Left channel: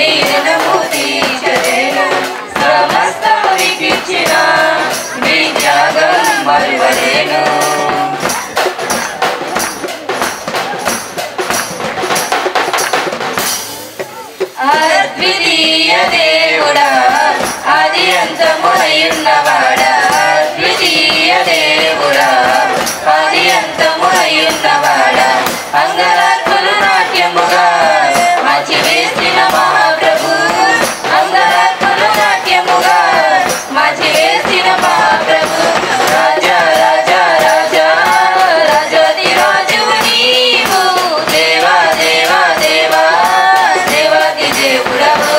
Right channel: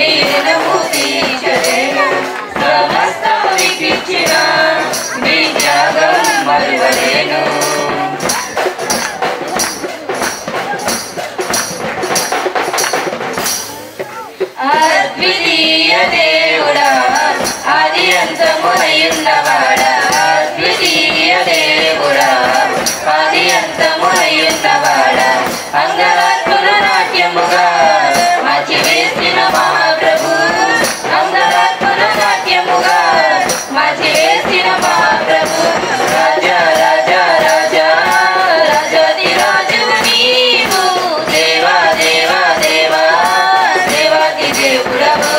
నీ రుణము తీర్చలేను సమస్తము నీకిచ్చిన నీ త్యాగం మరువలేను అద్వితీయ దేవుడా ఆది అంతమున్నవాడా అద్వితీయ దేవుడా ఆది అంతమున్నవాడా అంగరాత్మలు నాట్యముగా మార్చి వేసిన మహాప్రభు అంగరాత్మలు నాట్యముగా మార్చి వేసిన మహాప్రభు రాజా రాజా రాజా రాజాది రాజువు నీవు దేవా దేవా దేవా దేవాది దేవుడవు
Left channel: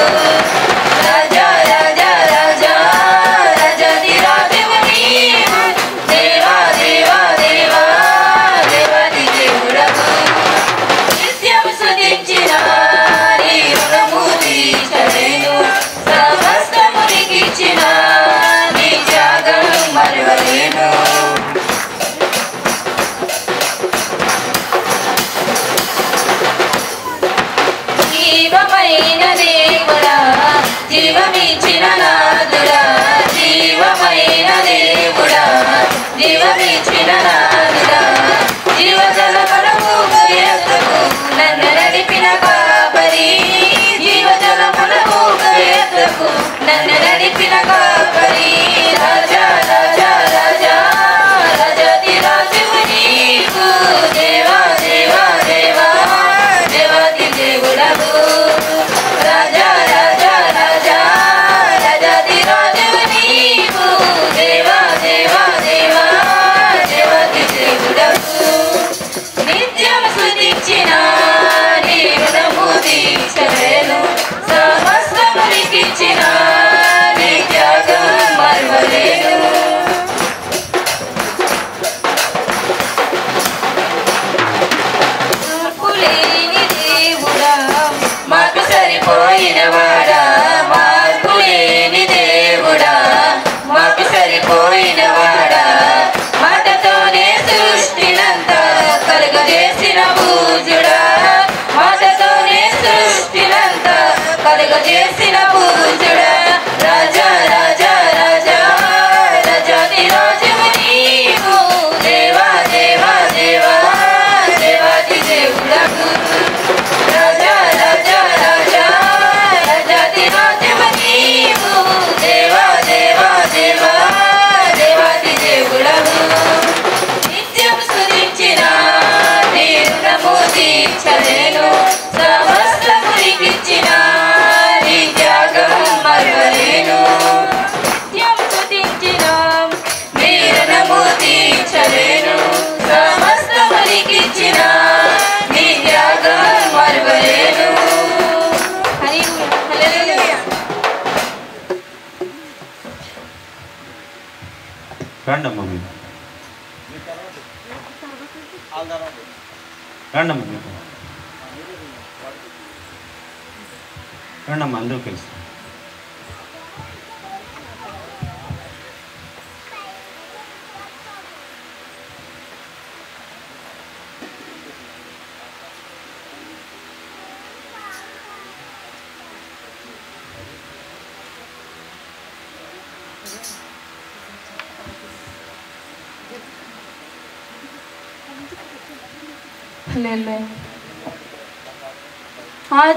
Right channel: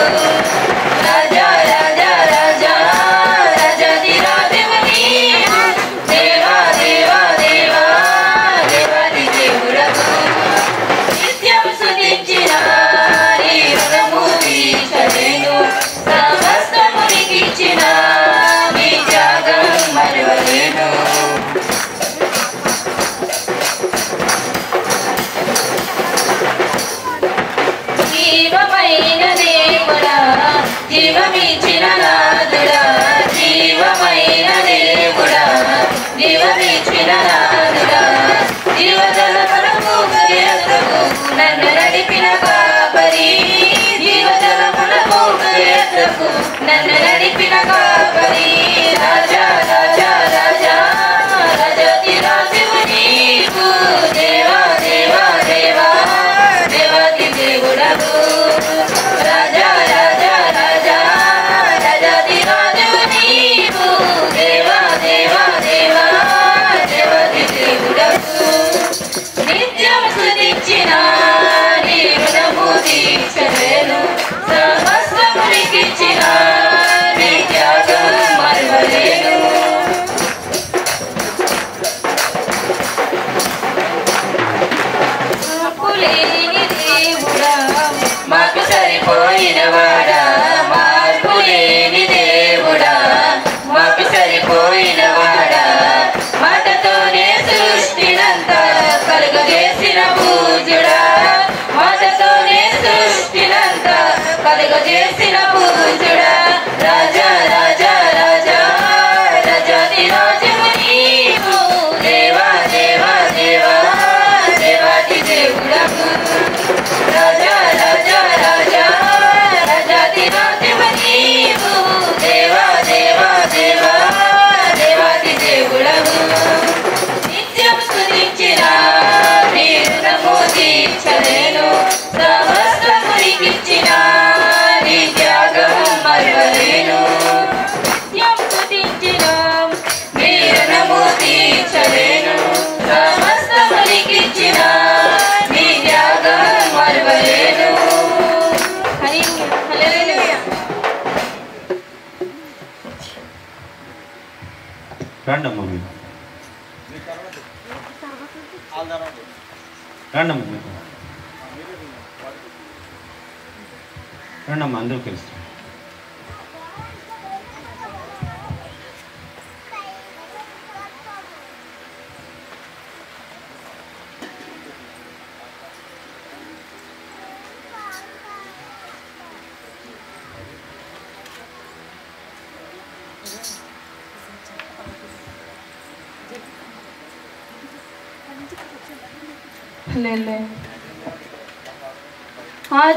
రాజా రాజా రాజా రాజాది రాజువు నీవు దేవా దేవా దేవా దేవాది దేవుడవు నిత్యము స్తుతించిన నీ రుణము తీర్చలేను సమస్తము నీకిచ్చిన నీ త్యాగం మరువలేను జీవమైన దేవుడా జీవమిచ్చిన నాదుడా జీవమైన దేవుడా జీవమిచ్చిన నాదుడా జీవజలములకు గరియతకు నన్ను నడిపిన కాపరి జీవజలములకు గరియతకు నన్ను నడిపిన కాపరి రాజా రాజా రాజా రాజాది రాజువు నీవు దేవా దేవా దేవా దేవాది దేవుడవు రాజా రాజా రాజా రాజాది రాజువు నీవు దేవా దేవా దేవా దేవాది దేవుడవు నిత్యం స్తుతించిన నీ రుణము తీర్చలేను సమస్తము నీకిచ్చిన నీ త్యాగం మరువలేను మార్పులేని దేవుడా మాకు సరిపోయిన వాడా మార్పులేని దేవుడా మాకు సరిపోయిన వాడా మాటతోనే సృష్టినంతా కలుగజేసిన పూజుడా మాటతోనే సృష్టినంతా కలుగజేసిన పూజుడా రాజా రాజా రాజా రాజాది రాజువు నీవు దేవా దేవా దేవా దేవాది దేవుడవు రాజా రాజా రాజా రాజాది రాజువు నీవు దేవా దేవా దేవా దేవాది దేవుడవు నిత్యం స్తుతించిన నీ రుణము తీర్చలేను సమస్తము నీకిచ్చిన నీ త్యాగం మరువలేను నిత్యం స్తుతించిన నీ రుణము తీర్చలేను సమస్తము నీకిచ్చిన నీ త్యాగం మరువలేను హల్లెలూయా రండమ్మ మీరు రండమ్మ మీరు రండమ్మ అందరూ కలిసి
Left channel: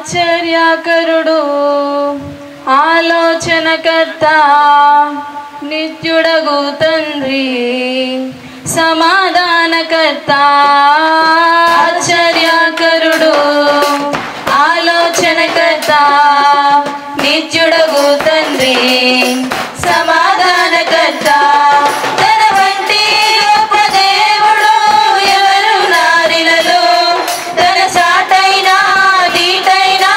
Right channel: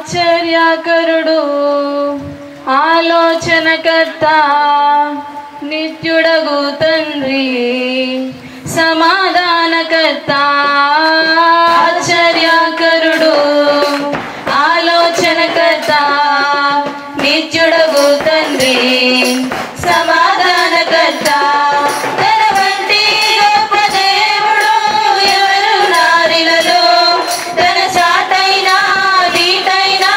ఆశ్చర్యకరుడు ఆలోచనకర్త నిత్యుడగు తండ్రి సమాధానకర్త ఆశ్చర్యకరుడు ఆలోచనకర్త నిత్యుడగు తండ్రి సమాధానకర్త తన వంటి గొప్ప దేవుడు ఎవరు నారిలలో తన సాటైనా దీటైనా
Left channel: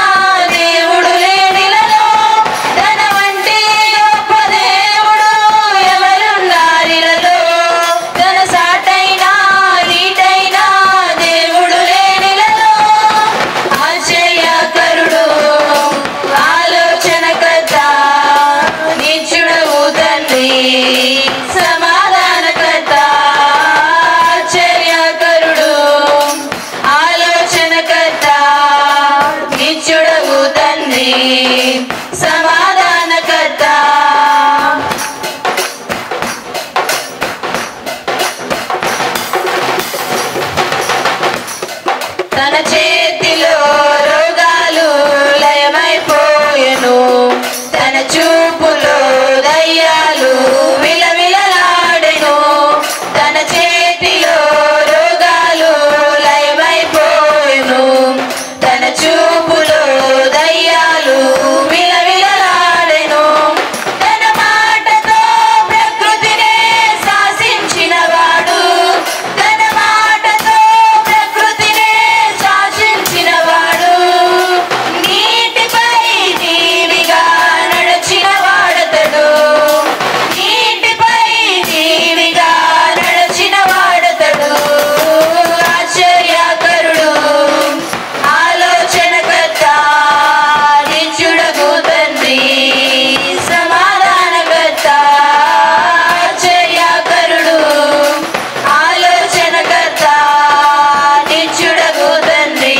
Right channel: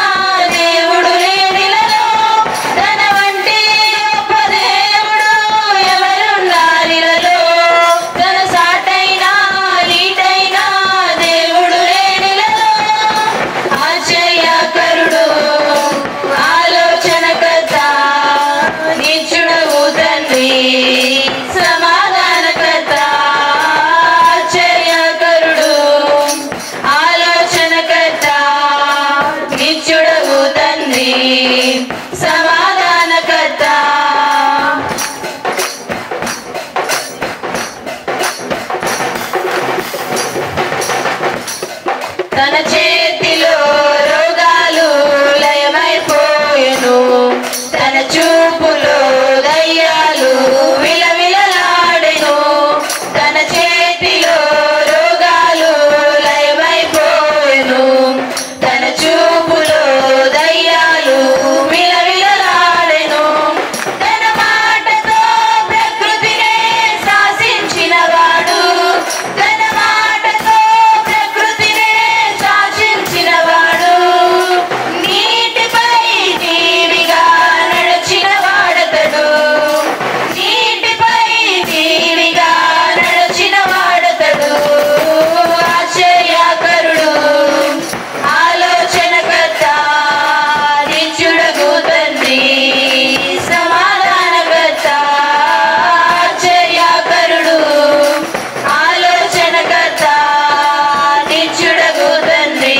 దేవుడు లేనిలలో తన వంటి గొప్ప దేవుడు ఎవరు నారిలలో తన సాటైనా దీటైనా దేవుడు లేనిలలో తన చేతిలో రోగాలు లయమైపోయెను, తన చూపులో దయ్యాలు విలవిలలాడెను. తన చేతిలో రోగాలు లయమైపోయెను, తన చూపులో దయ్యాలు విలవిలలాడెను. తన మాటతో ప్రకృతినే శాసించినవాడు, తన మాటతో ప్రకృతినే శాసించినవాడు. నీటిపై దీవిగా నడిచిన వాడతడు, నీటిపై దీవిగా నడిచిన వాడతడు. ఆశ్చర్యకరుడు, ఆలోచనకర్త, నిత్యుడగు తండ్రి, సమాధానకర్త. ఆశ్చర్యకరుడు, ఆలోచనకర్త, నిత్యుడగు తండ్రి,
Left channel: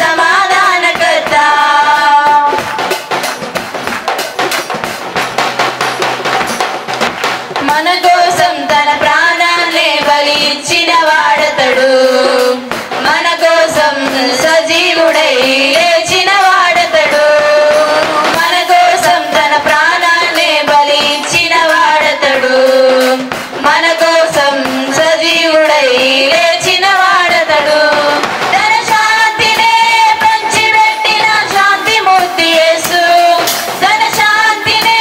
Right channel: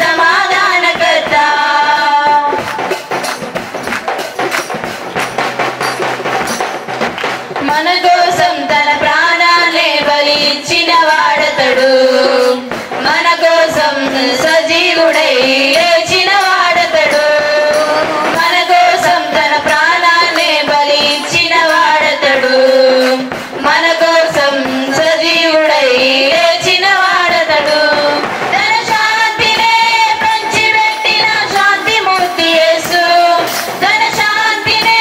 సమాధానకర్త. మన కోసం తన ప్రాణాన్ని బలి ఇచ్చిన వాడతడు, మన కోసం సజీవుడై లేచిన వాడతడు. మన కోసం తన ప్రాణాన్ని బలి ఇచ్చిన వాడతడు, మన కోసం సజీవుడై లేచిన వాడతడు. తన శాంతినే పంచిపెట్టిన శాంతిమూర్తి యేసు, తన శాంతినే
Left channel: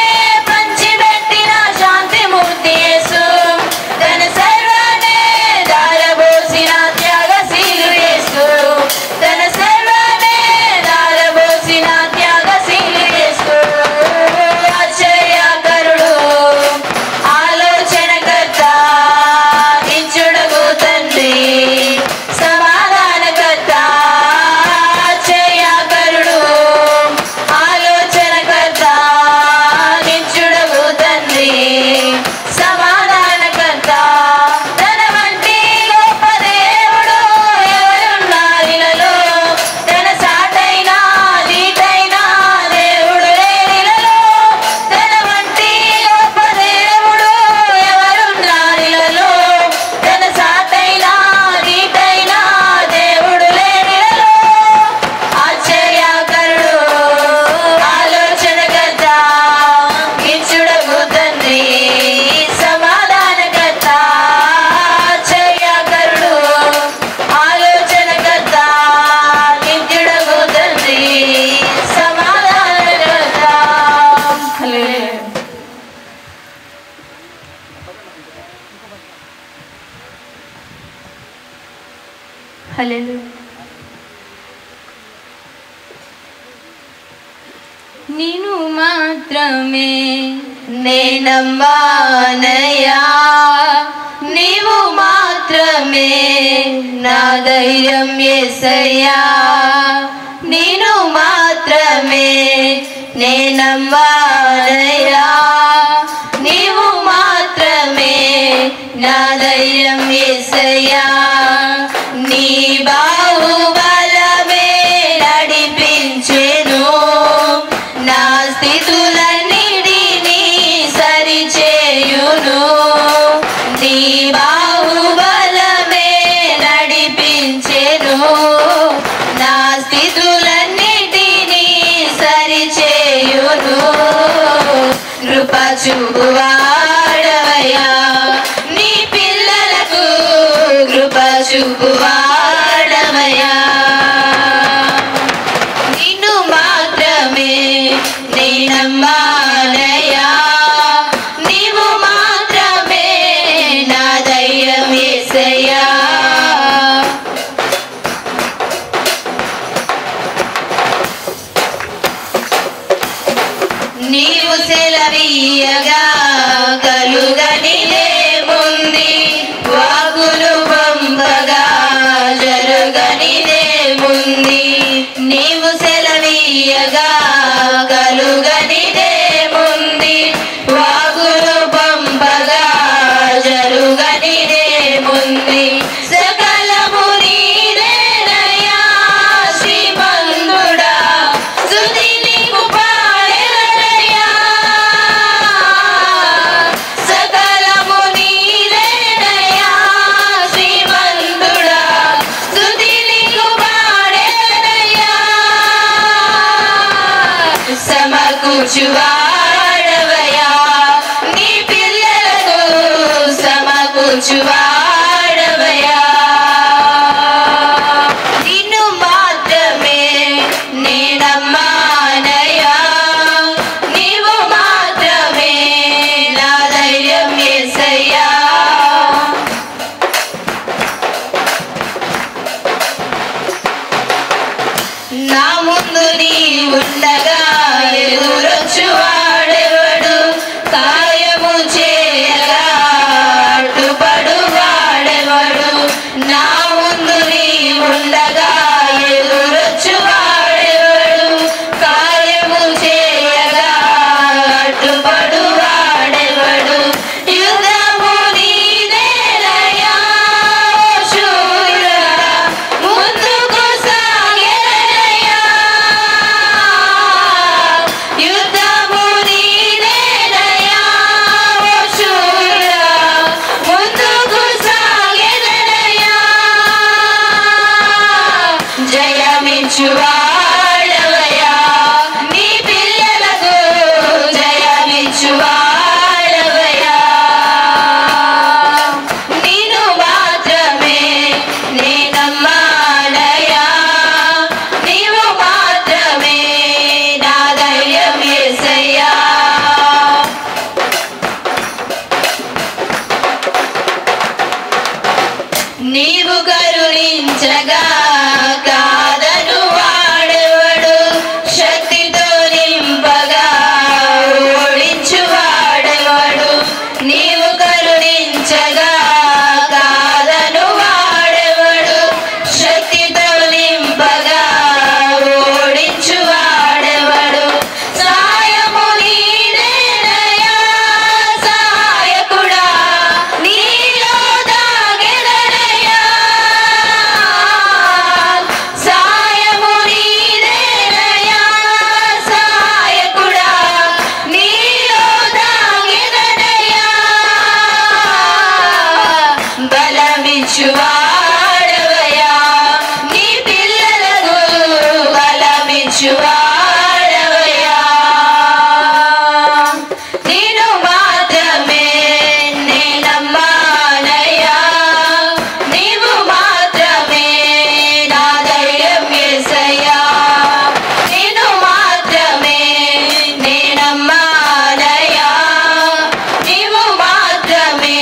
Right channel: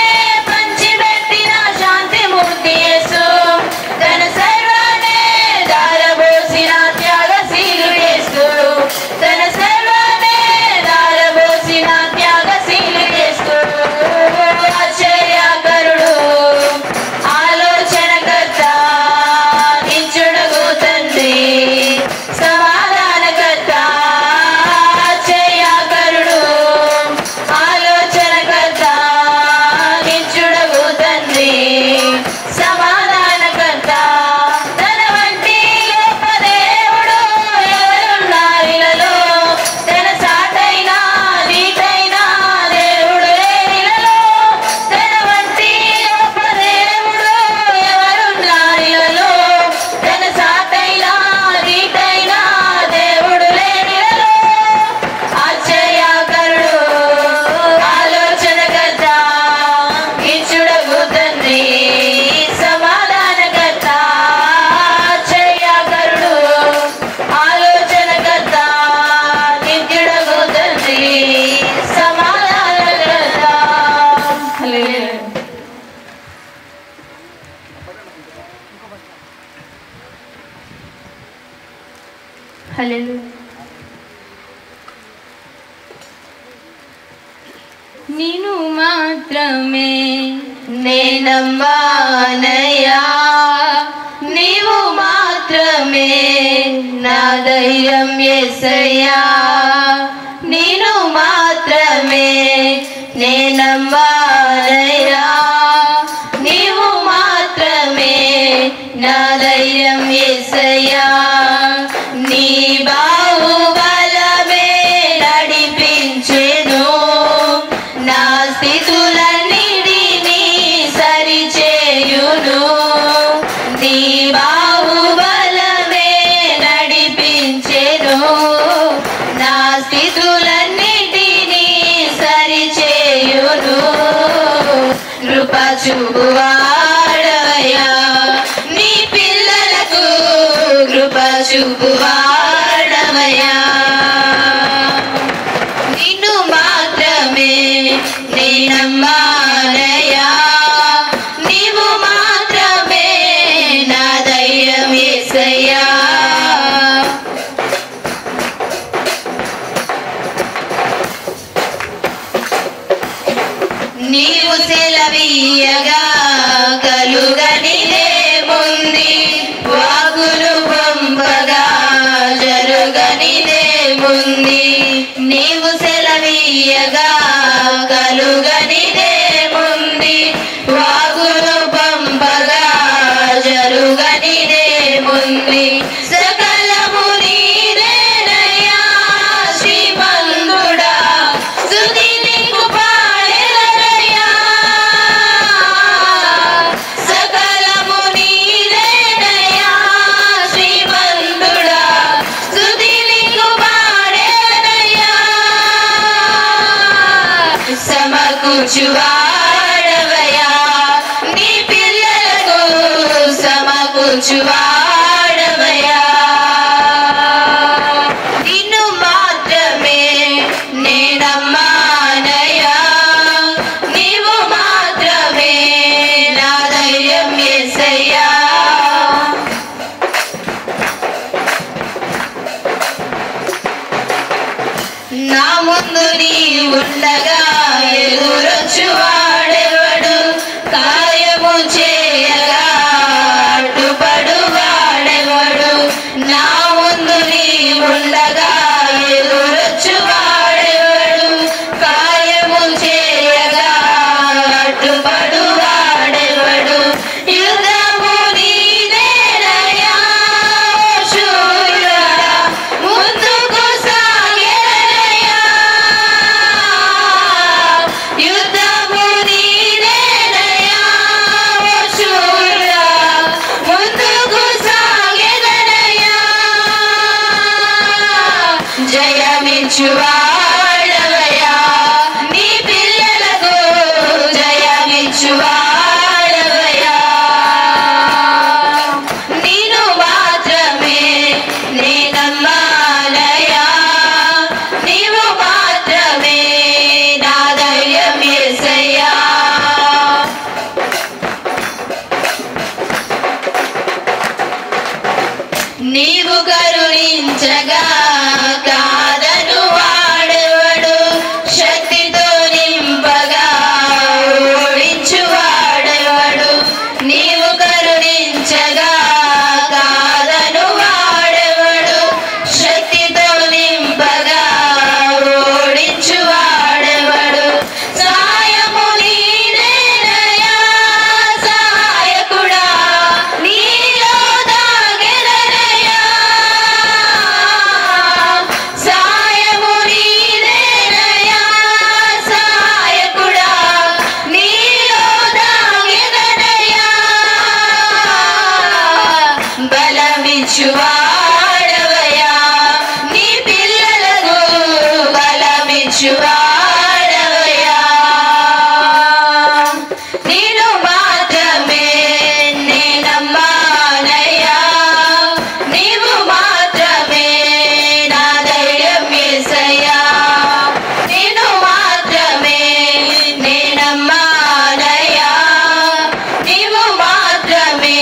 పంచిపెట్టిన శాంతిమూర్తి యేసు. తన సర్వాన్నే దారబోసిన త్యాగశీలుడు యేసు, తన సర్వాన్నే దారబోసిన త్యాగశీలుడు యేసు. ఆశ్చర్యకరుడు, ఆలోచనకర్త, నిత్యుడగు తండ్రి, సమాధానకర్త. ఆశ్చర్యకరుడు, ఆలోచనకర్త, నిత్యుడగు తండ్రి, సమాధానకర్త. తన వంటి గొప్ప దేవుడు ఎవరున్నారిలలో, తన సాటైన నీతైన దేవుడు లేనిలలో. తన వంటి గొప్ప దేవుడు ఎవరున్నారిలలో, తన సాటైన నీతైన దేవుడు లేనిలలో. ఆశ్చర్యకరుడు, ఆలోచనకర్త, నిత్యుడగు తండ్రి, సమాధానకర్త. ఆశ్చర్యకరుడు, ఆలోచనకర్త, నిత్యుడగు తండ్రి, సమాధానకర్త. హల్లెలూయా. హల్లెలూయా. నిన్ను మాత్రమే నేనమ్మానయ్యా, నీవు మాత్రమే నా ధైర్యం యేసయ్యా. నిన్ను మాత్రమే నేనమ్మానయ్యా, నీవు మాత్రమే నా ధైర్యం యేసయ్యా. నీ బాహుబలమే నడిపించెను, నా స్థితులన్నిటినీ సరిచేయును. నీ బాహుబలమే నడిపించెను, నా స్థితులన్నిటినీ సరిచేయును. కృప చూపువాడవయ్యా, నీ పిల్లలకు కృప చూపువాడవయ్యా. నిన్ను మాత్రమే నేనమ్మానయ్యా, నీవు మాత్రమే నా ధైర్యం యేసయ్యా. నీవు సెలవీయగా కలుగనిదేముంది, వాగులు పంపగా జరుగనిదేముంది. నీవు సెలవీయగా కలుగనిదేముంది, వాగులు పంపగా జరుగనిదేముంది. సకలము నీదేనయ్యా శ్రీమంతుడా, స్తుతి నీకు పాడెదనయ్యా. సకలము నీదేనయ్యా శ్రీమంతుడా, స్తుతి నీకు సమకూర్చువాడవయ్యా నీ పిల్లలను సమకూర్చువాడవయ్యా నిన్ను మాత్రమే నేనమ్మానయ్యా నీవు మాత్రమే నా ధైర్యం యేసయ్యా నా ముందు నీ ఉండగా ఎదురొచ్చువాడెవడు కార్యము చేయగా అడ్డుపడువాడెవడు నా ముందు నీ ఉండగా ఎదురొచ్చువాడెవడు కార్యము చేయగా అడ్డుపడువాడెవడు యుద్ధము నీదేనయ్యా శూరా ముందుకు సాగెదనయ్యా యుద్ధము నీదేనయ్యా శూరా ముందుకు సాగెదనయ్యా జయమిచ్చువాడవయ్యా నీ పిల్లలకు జయమిచ్చువాడవయ్యా నిన్ను మాత్రమే నేనమ్మానయ్యా నీవు మాత్రమే నా ధైర్యం యేసయ్యా నీవు కరుణించగా కాదను వాడెవడు శక్తితో నింపగా ఓడించువాడెవడు నీవు కరుణించగా కాదను వాడెవడు శక్తితో నింపగా ఓడించువాడెవడు సాయము నీదేనయ్యా సాయకుడా నీలో దాగెదనయ్యా సాయము నీదేనయ్యా సాయకుడా నీలో దాగెదనయ్యా బలమిచ్చువాడవయ్యా నీ పిల్లలకు బలమిచ్చువాడవయ్యా నిన్ను మాత్రమే నేనమ్మానయ్యా నీవు మాత్రమే నా ధైర్యం యేసయ్యా నిన్ను మాత్రమే నేనమ్మానయ్యా నీవు మాత్రమే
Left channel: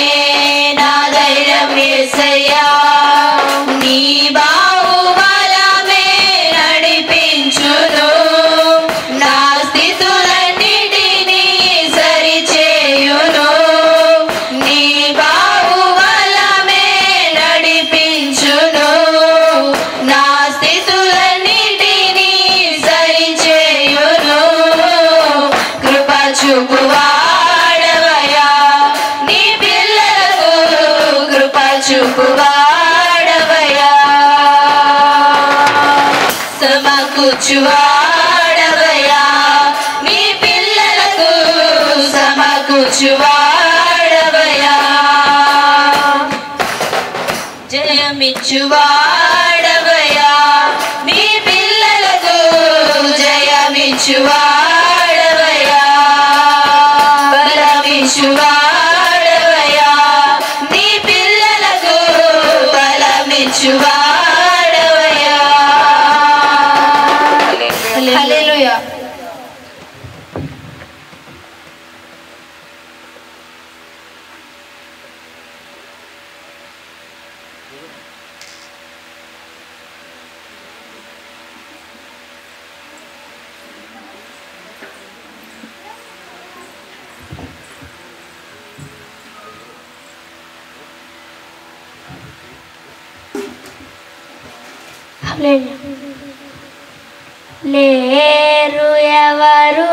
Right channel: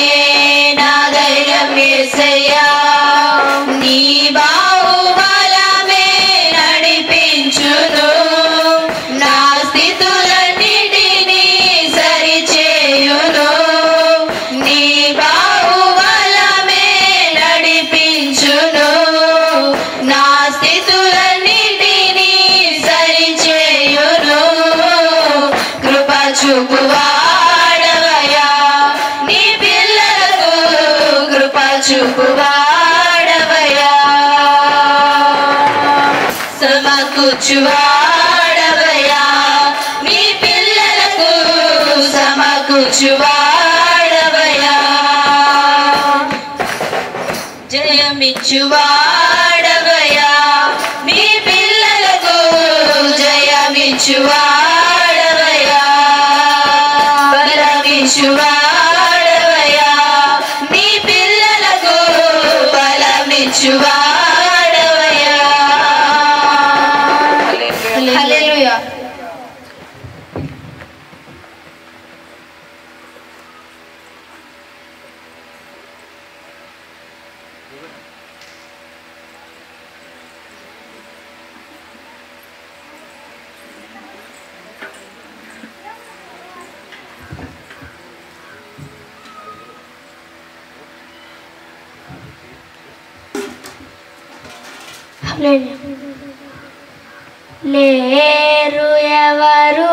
నా ధైర్యం యేసయ్యా నీ బాహుబలమే నడిపించును నా స్థితులన్నిటినీ సరిచేయును నీ బాహుబలమే నడిపించును నా స్థితులన్నిటినీ సరిచేయును కృప చూపువాడవయ్యా నీ పిల్లలకు కృప చూపువాడవయ్యా సమకూర్చువాడవయ్యా నీ పిల్లలకు సమకూర్చువాడవయ్యా జయమిచ్చువాడవయ్యా నీ పిల్లలకు జయమిచ్చువాడవయ్యా బలమిచ్చువాడవయ్యా నీ పిల్లలకు బలమిచ్చువాడవయ్యా హల్లెలూయా లేరు ఎవరు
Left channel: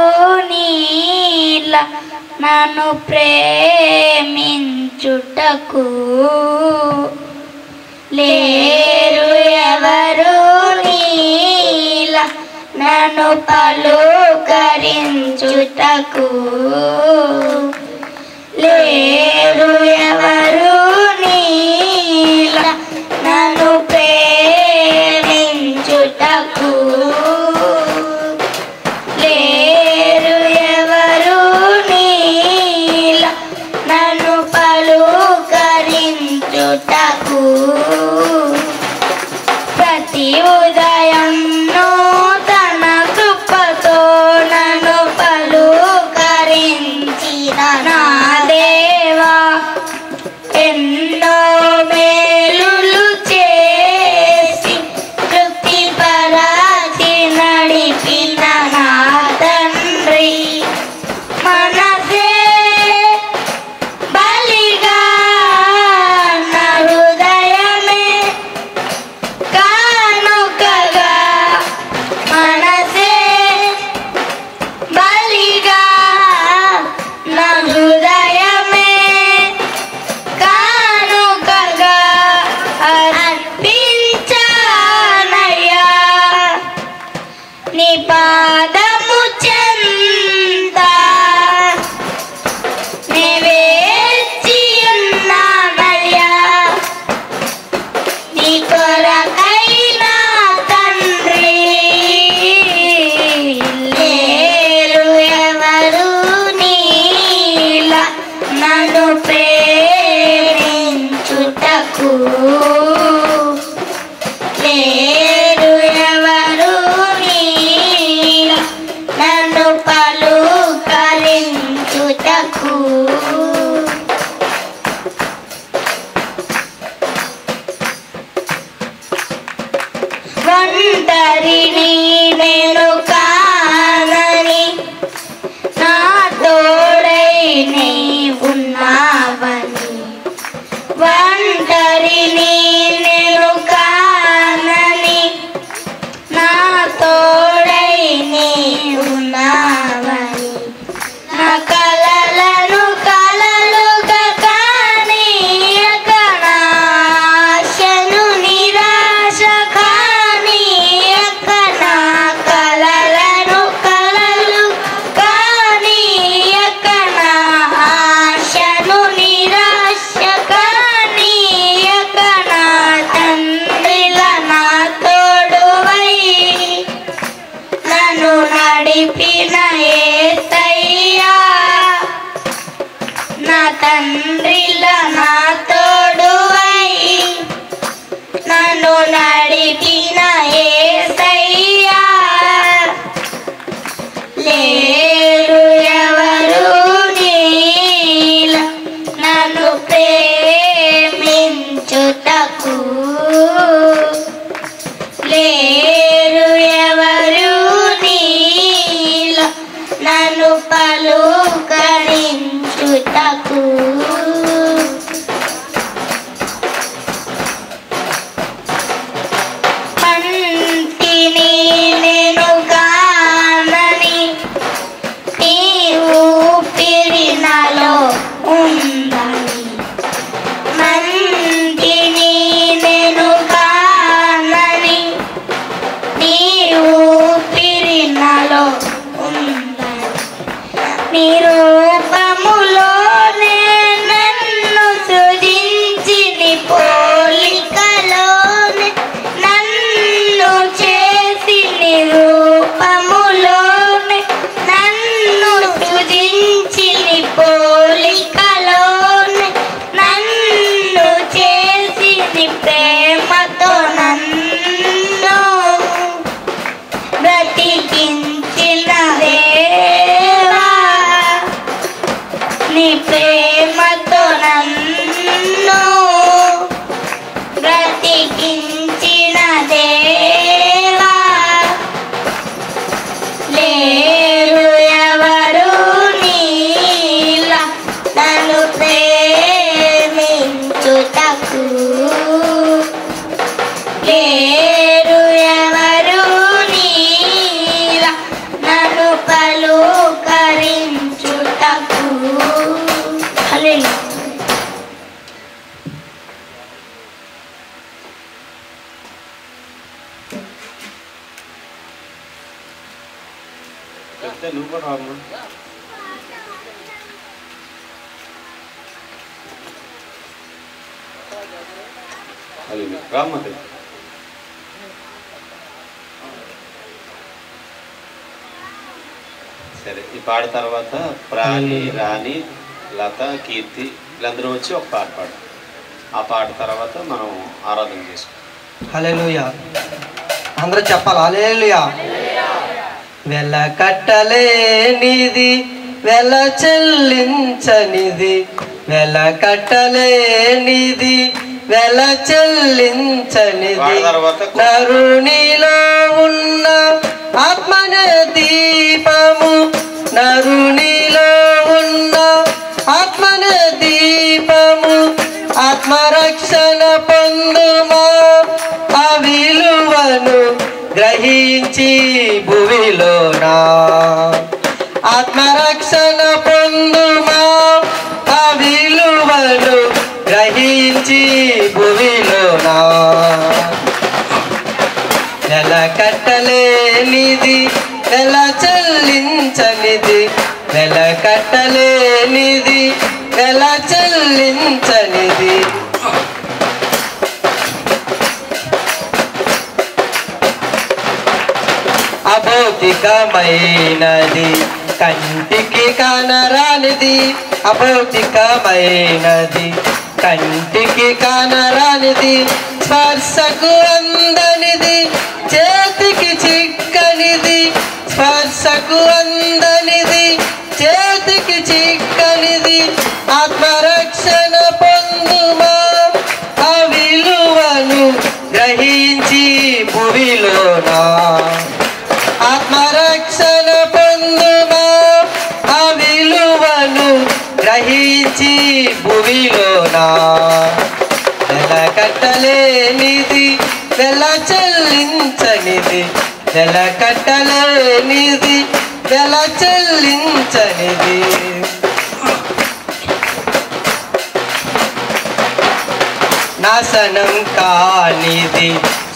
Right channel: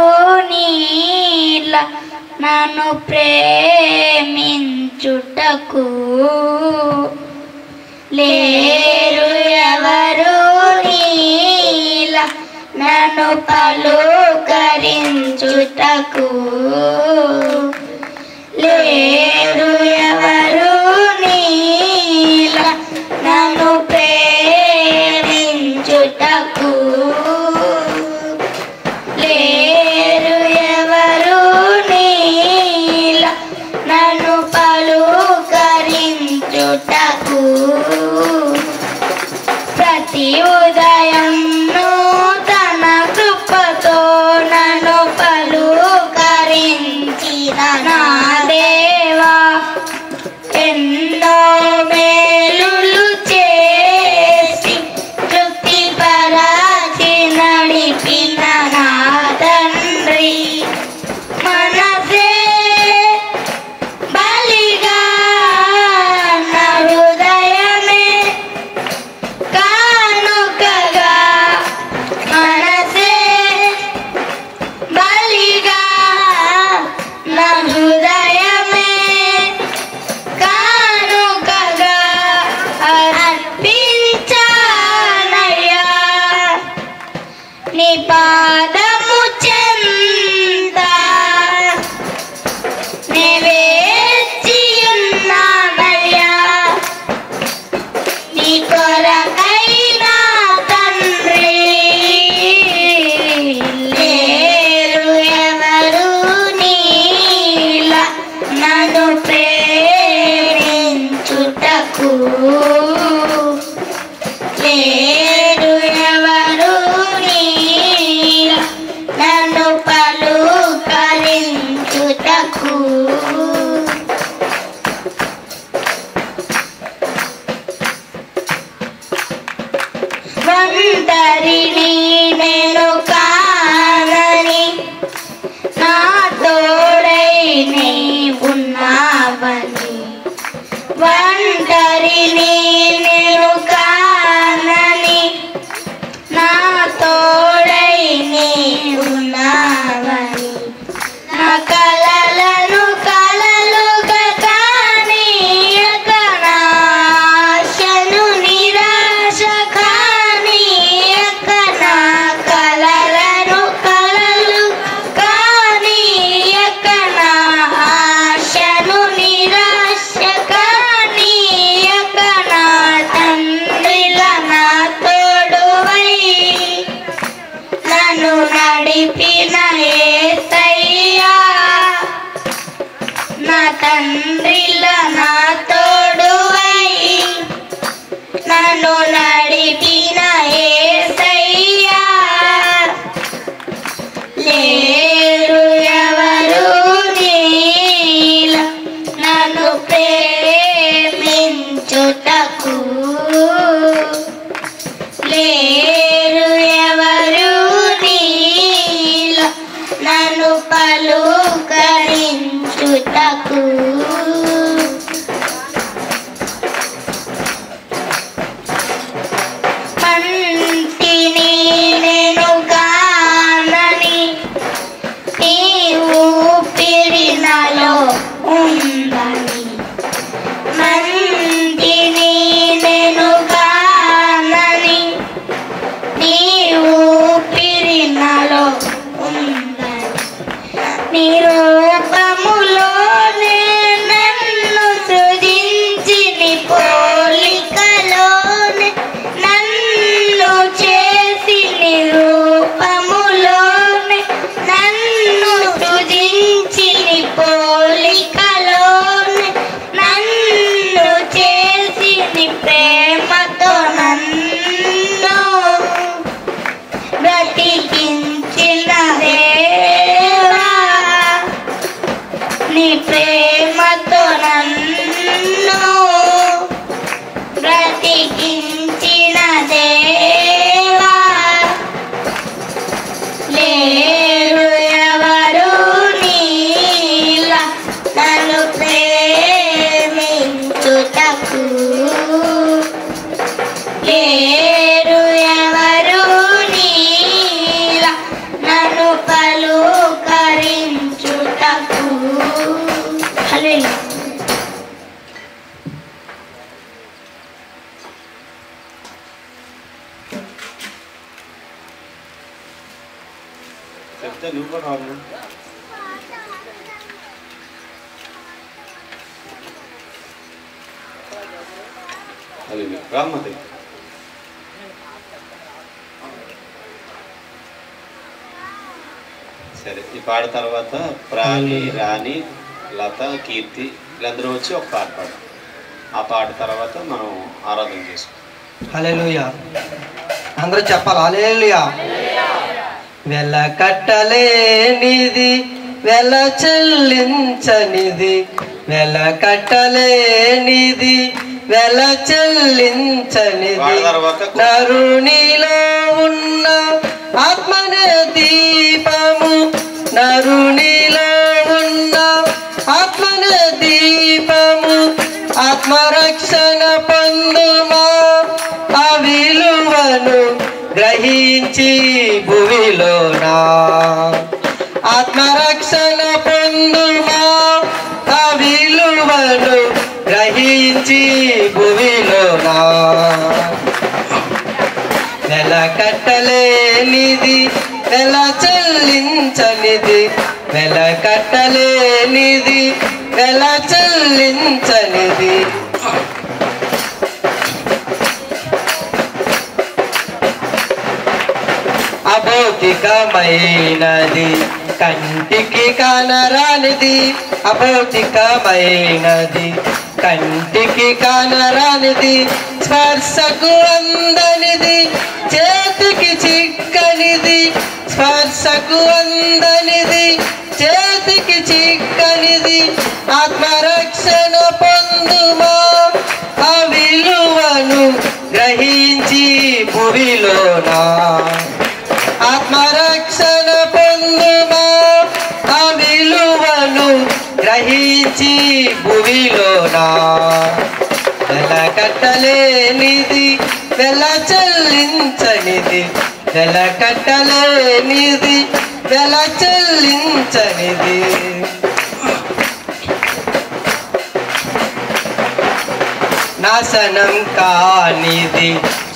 నీలా నన్ను ప్రేమించుటకు లేరు ఎవరు నీలా నన్ను పలుకరించుటకు లేరు ఎవరు నీలా నన్ను ప్రేమించుటకు లేరు ఉదయంను తన కృపతో నన్ను పలుకరించిన నా దేవా ఎన్నో మేలులు చేసి తృప్తిపరచి నడిపిన నా తండ్రి మనసే బలిగా నా హృదయమే కానుకగా మనసే బలిగా నా హృదయమే కానుకగా అర్పించానయ్యా నీ పాదము చెంత నే వేచి ఉన్నానయ్యా నీ కొరకైనా తండ్రి లేరు ఎవరు నీలా నన్ను ప్రేమించుటకు లేరు ఎవరు నీలా నన్ను పలుకరించుటకు ఒంటరిని నేను కానని నా తోడై నీ ఉన్నావని ఒంటరిని నేను కానని నా తోడై నీ ఉన్నావని నా కలలను కలలుగా కానీయక నా ఆశను నిరాశ కానీయక నా కలలను కలలు కానీయక నా ఆశను నిరాశ కానీయక నా తండ్రిలా నా తోడువై నన్ను నడిపిన యేసయ్యా నా తండ్రిలా నా తోడువై నన్ను నడిపిన యేసయ్యా లేరు ఎవరు నీలా నన్ను ప్రేమించుటకు లేరు ఎవరు నీలా నన్ను పలుకరించుటకు మంటిని నేను కానని నీ ఊపిరి నాలో ఉందని మంటిని నేను కానని నీ ఊపిరి నాలో ఉందని నీ రూపములోనే నన్ను సృజించి నీ పోలికలోనే నన్ను చేసి నీ రూపములోనే నన్ను సృజించి నీ పోలికలోనే నన్ను చేసి నీ ప్రేమతో నన్ను బ్రతికించిన దేవా నీ ప్రేమతో నన్ను బ్రతికించిన దేవా లేరు ఎవరు నీలా నన్ను ప్రేమించుటకు లేరు ఎవరు నీలా నన్ను పలుకరించుటకు హల్లెలూయా చెప్తే నువ్వు కూడా రావు. రామ్మది సరే. ఈ పాట తర్వాత ప్రాణి, రాణి, లత, కీర్తి వీళ్ళందరూ వచ్చి ఒక పాట పాడు. ఆ పాట తర్వాత మనం ఆరాధన చేసుకుంటాం. హల్లెలూయా. అందరూ చెప్పాలి హల్లెలూయా. వెల కట్టలేనిది వెల చెల్లించనిది, వెల కట్టలేనిది వెల చెల్లించనిది, నరునిలో ఉన్న ఆత్మనే దీపము, నరునిలో ఉన్న ఆత్మనే దీపము, ఆత్మరక్షణ పొందుమా ఆ విలువను గ్రహించి భూమిలోనా, ఆత్మరక్షణ పొందుమా ఆ విలువను గ్రహించి భూమిలోనా. వెల కట్టలేనిది వెల చెల్లించనిది, వెల కట్టలేనిది వెల చెల్లించనిది, అభౌతికమైనది కంటికి కానరానిది, అభౌతికమైనది కంటికి కానరానిది, స్పర్శకు అందనిది చేతికి చిక్కనిది, స్పర్శకు అందనిది చేతికి చిక్కనిది, ఆత్మరక్షణ పొందుమా ఆ విలువను గ్రహించి భూమిలోనా, ఆత్మరక్షణ పొందుమా ఆ విలువను గ్రహించి భూమిలోనా. వెల కట్టలేనిది వెల చెల్లించనిది, వెల కట్టలేనిది వెల చెల్లించనిది, నాశనం కానిది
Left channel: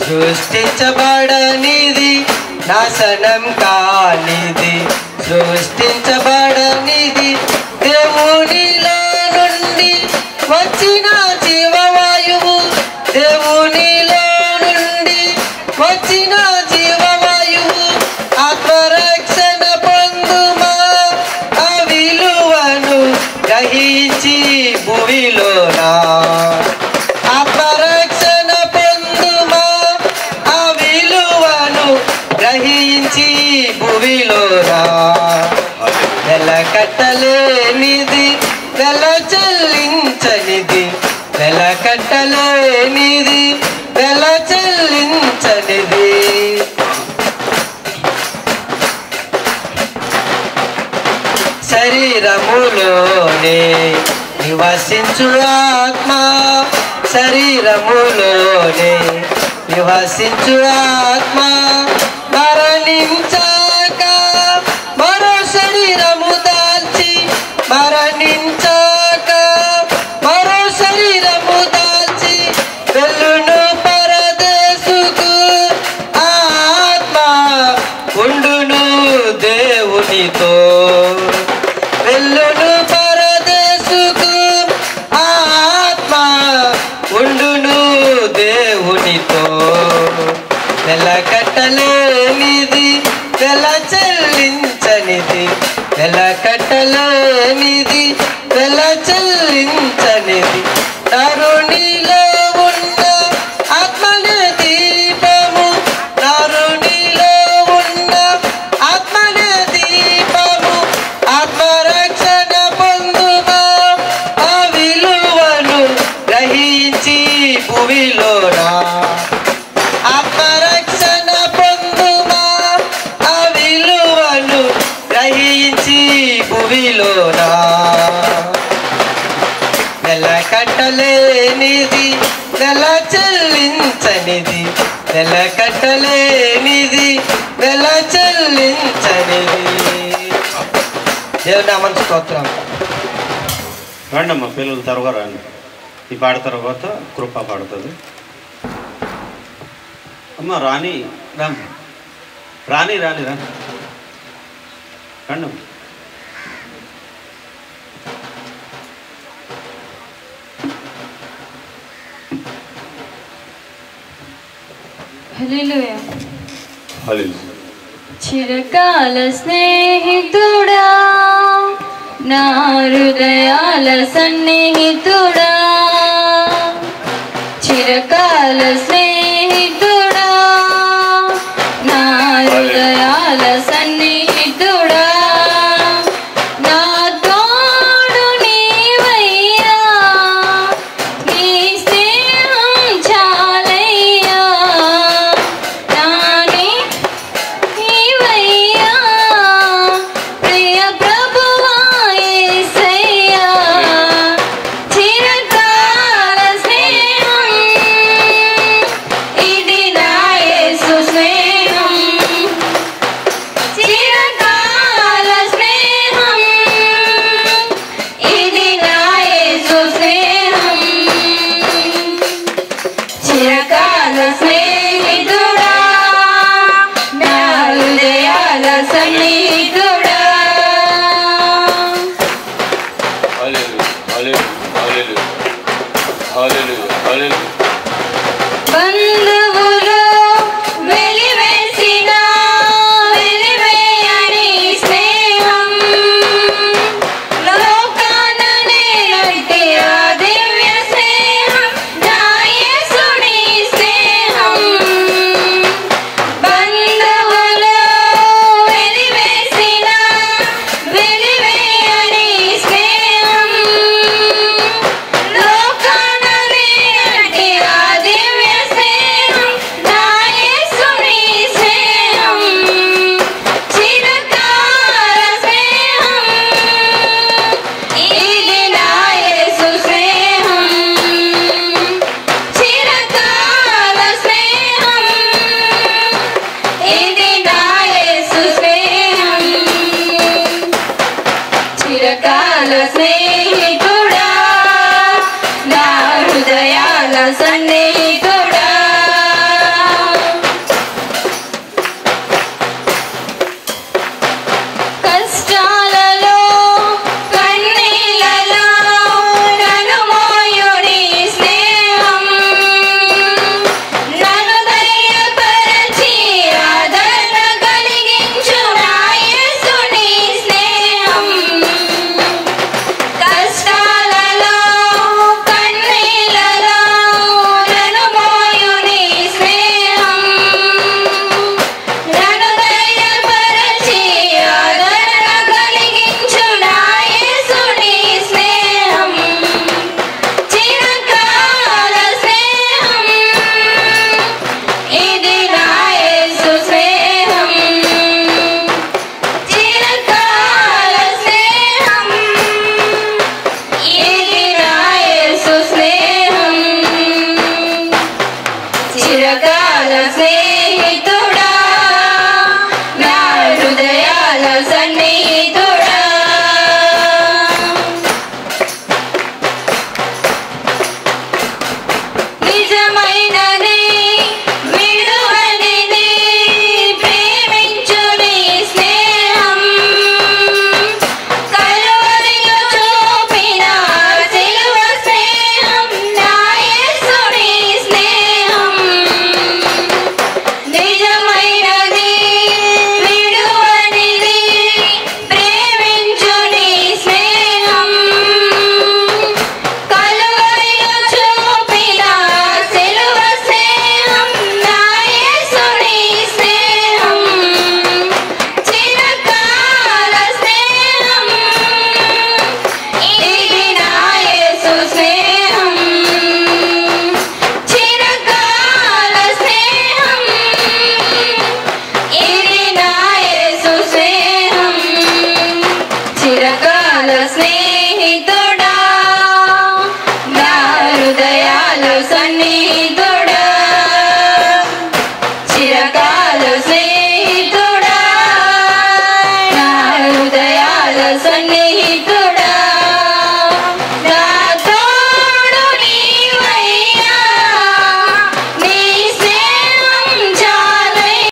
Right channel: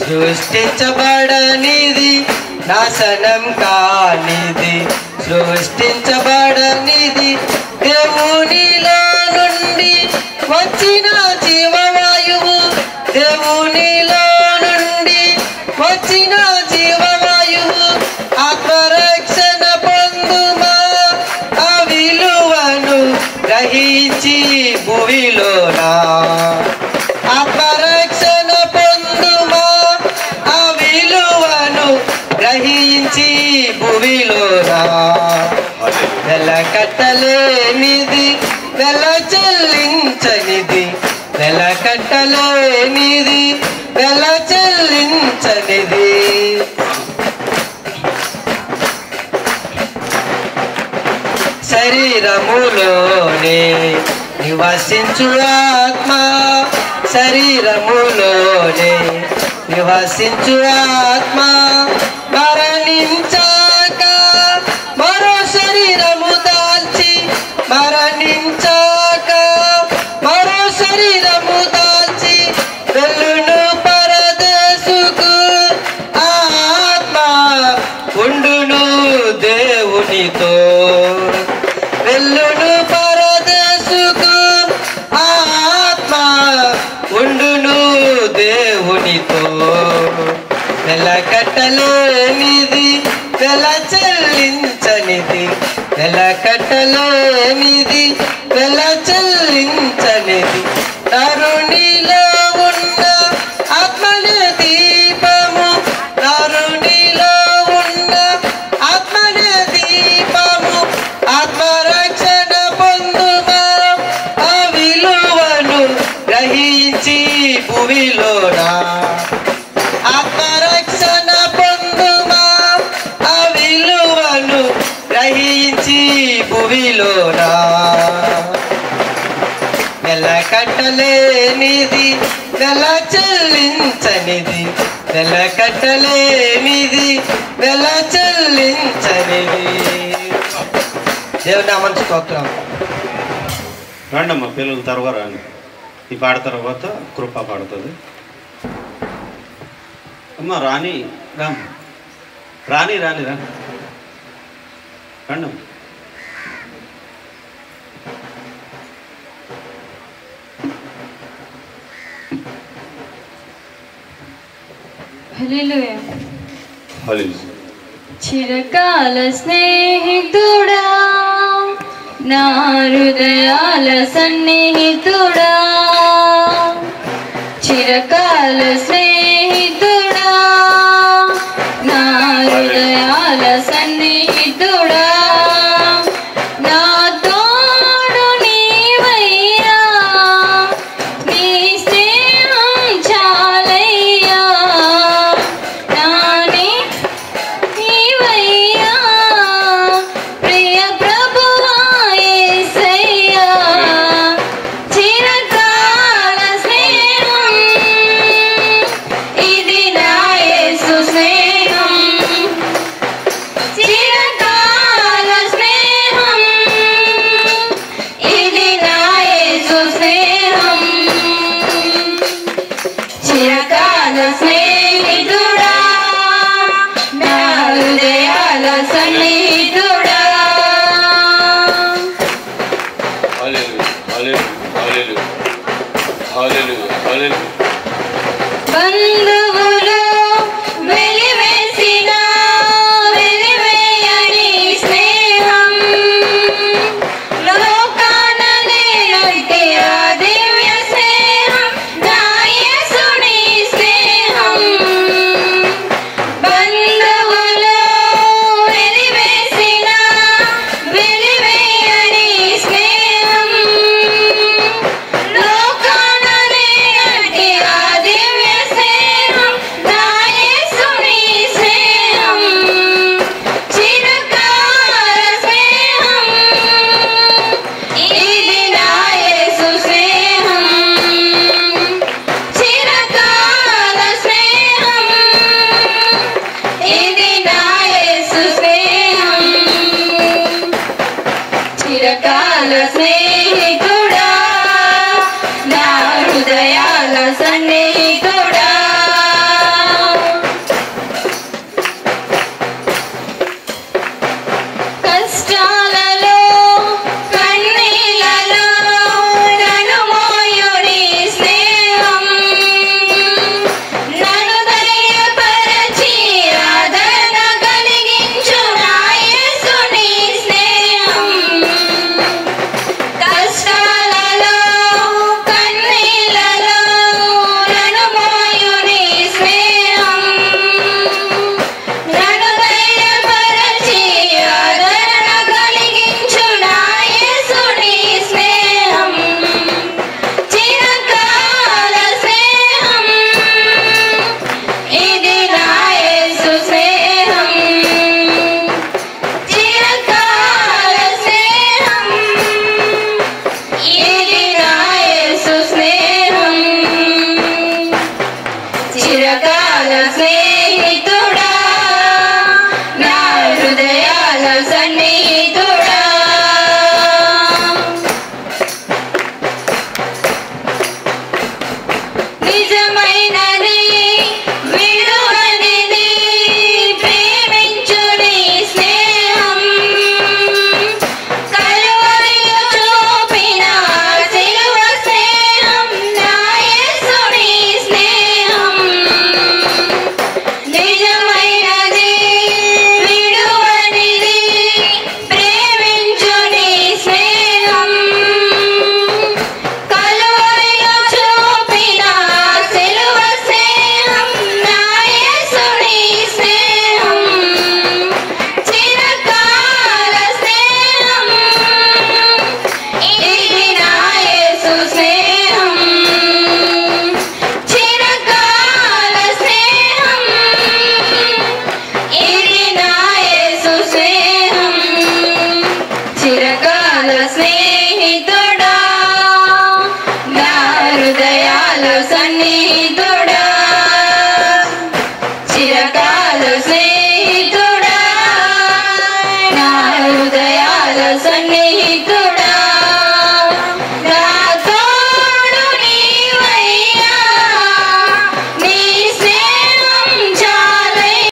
సృష్టించబడనిది, నాశనం కానిది సృష్టించబడనిది, దేవునిలో నుండి వచ్చిన జీవవాయువు, దేవునిలో నుండి వచ్చిన జీవవాయువు, ఆత్మరక్షణ పొందుమా ఆ విలువను గ్రహించి భూమిలోనా, ఆత్మరక్షణ పొందుమా ఆ విలువను గ్రహించి భూమిలోనా. వెల కట్టలేనిది వెల చెల్లించనిది, వెల కట్టలేనిది వెల చెల్లించనిది, శరీరములోనే నివసించు ఆత్మ, శరీరములోనే నివసించు ఆత్మ, మరణించాక మరో శరీరము దాల్చి, మరణించాక మరో శరీరము దాల్చి వెళ్ళును పరదేశుకు, ఆత్మ ఉండును దేవునితో, వెళ్ళును పరదేశుకు ఆత్మ ఉండును దేవునితో. వెల కట్టలేనిది వెల చెల్లించనిది, వెల కట్టలేనిది వెల చెల్లించనిది, నరునిలో ఉన్న ఆత్మనే దీపము, నరునిలో ఉన్న ఆత్మనే దీపము, ఆత్మరక్షణ పొందుమా ఆ విలువను గ్రహించి భూమిలోనా, ఆత్మరక్షణ పొందుమా ఆ విలువను గ్రహించి భూమిలోనా. వెల కట్టలేనిది వెల చెల్లించనిది, వెల కట్టలేనిది వెల చెల్లించనిది. దేవుని నామానికి స్తోత్రం. రండి అమ్మ పిల్లలు త్వరగా రండి, ఈ పాట తర్వాత కృప పాడుతుంది. అమ్మ రాణి రామ్, రాణి రాణి రా రండి. హల్లెలూయా. హల్లెలూయా. చిరకాల స్నేహితుడా, నా హృదయాల సన్నిహితుడా, చిరకాల స్నేహితుడా, చిరకాల స్నేహితుడా నా హృదయాల సన్నిహితుడా కష్టాలలో కన్నీలలో నన్ను మోయుని స్నేహం నన్ను ధైర్యపరచి ఆదరణ కలిగించు నా యేసుని స్నేహం కష్టాలలో కన్నీలలో నన్ను మోయుని స్నేహం నన్ను ధైర్యపరచి ఆదరణ కలిగించు నా యేసుని స్నేహం చిరకాల స్నేహం ఇది నా యేసు స్నేహం చిరకాల స్నేహం ఇది నా యేసు స్నేహం చిరకాల స్నేహితుడా నా హృదయాల సన్నిహితుడా నిజమైనది విడువనిది ప్రేమించుని స్నేహం కలువరిలో చూపిన సిలువ స్నేహం నా యేసుని స్నేహం నిజమైనది విడువనిది ప్రేమించుని స్నేహం కలువరిలో చూపిన సిలువ స్నేహం నా యేసుని స్నేహం చిరకాల స్నేహం ఇది నా యేసు స్నేహం చిరకాల స్నేహం ఇది నా యేసు స్నేహం చిరకాల స్నేహితుడా నా హృదయాల సన్నిహితుడా చిరకాల స్నేహితుడా